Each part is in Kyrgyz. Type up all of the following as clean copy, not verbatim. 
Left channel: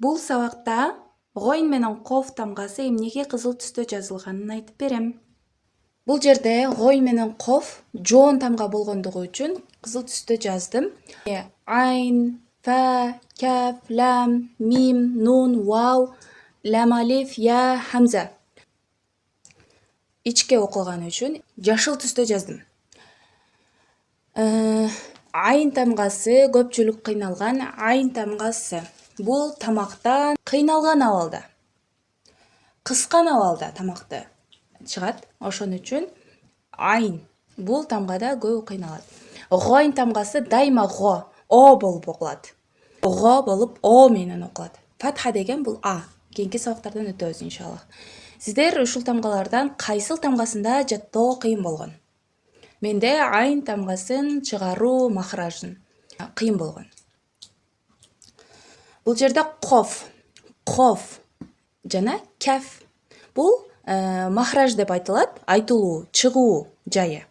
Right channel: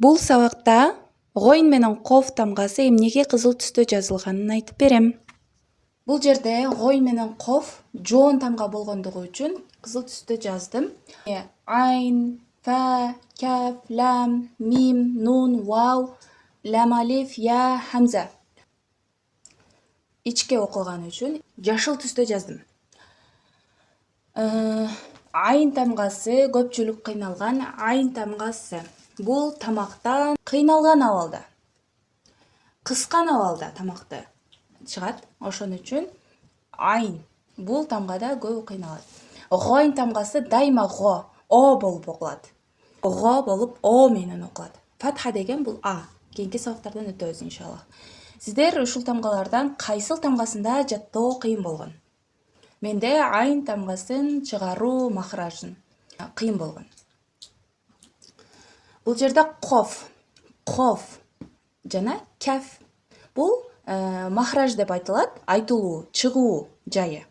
Бул сабакта гойн менен коф тамгасы эмнеге кызыл түстө жазылганын айтып берем. Бул жерде гойн менен коф жоон тамга болгондугу үчүн кызыл түстө жаздым. Айн, фа, каф, лам, мим, нун, вау, лам алиф, я, хамза. Ичке окулган үчүн жашыл түстө жаздым. Айн тамгасы көпчүлүк кыйналган айн тамгасы. Бул тамактан кыйналган абалда, кыскан абалда тамакты чыгат. Ошон үчүн айн бул тамгада көп кыйналат. Гойн тамгасы дайыма го, о болуп окулат. Го болуп о менен окулат. Фатха деген бул а. Кийинки сабактардан өтөбүз иншаллах. Сиздер ушул тамгалардан кайсыл тамгасында жаттоо кыйын болгон? Менде айн тамгасын чыгаруу махражын кыйын болгон. Бул жерде коф жана каф. Бул махраж деп айтылат, айтылуу, чыгуу жайы.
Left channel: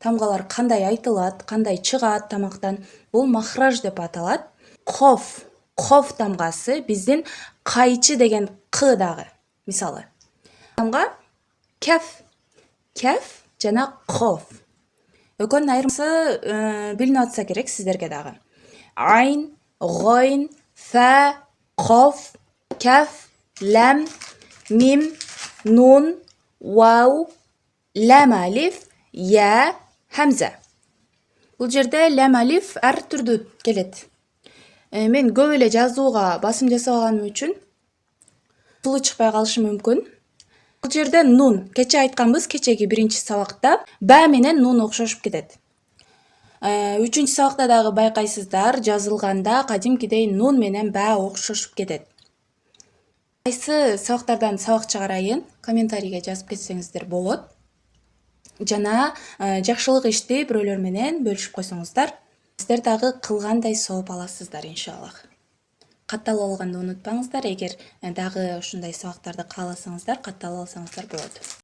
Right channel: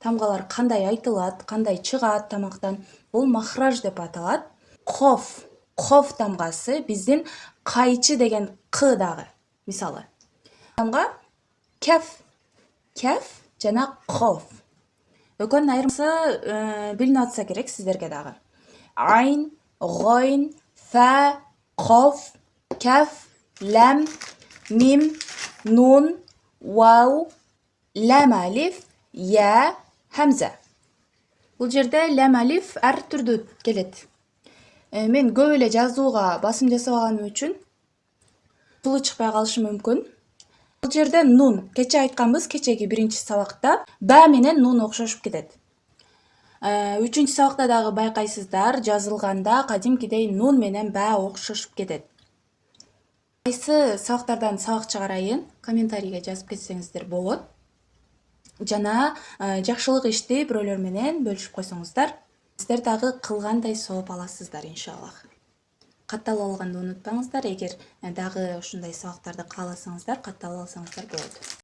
Тамгалар кандай айтылат, кандай чыгат тамактан, бул махраж деп аталат. Коф тамгасы биздин кайчы деген к дагы. Мисалы, тамга каф жана коф. Экөөнүн айырмасы билинип атса керек сиздерге дагы. Айн, гойн, фа, коф, каф, лам, мим, нун, вау, лам алиф, я, хамза. Бул жерде лам алиф ар түрдүү келет. Мен көп эле жазууга басым жасабаганым үчүн сулуу чыкпай калышы мүмкүн. Бул жерде нун, кече айтканбыз, кечеги биринчи сабакта ба менен нун окшошуп кетет. Үчүнчү сабакта дагы байкайсыздар, жазылганда кадимкидей нун менен ба окшошуп кетет. Кайсы сабактардан сабак чыгарайын, комментарийге жазып кетсеңиздер болот. Жана жакшылык ишти бирөөлөр менен бөлүшүп койсоңуздар, сиздер дагы кылгандай сооп аласыздар иншаллах. Катталып алганды унутпаңыздар, эгер дагы ушундай сабактарды кааласаңыздар, катталып алсаңыздар болот.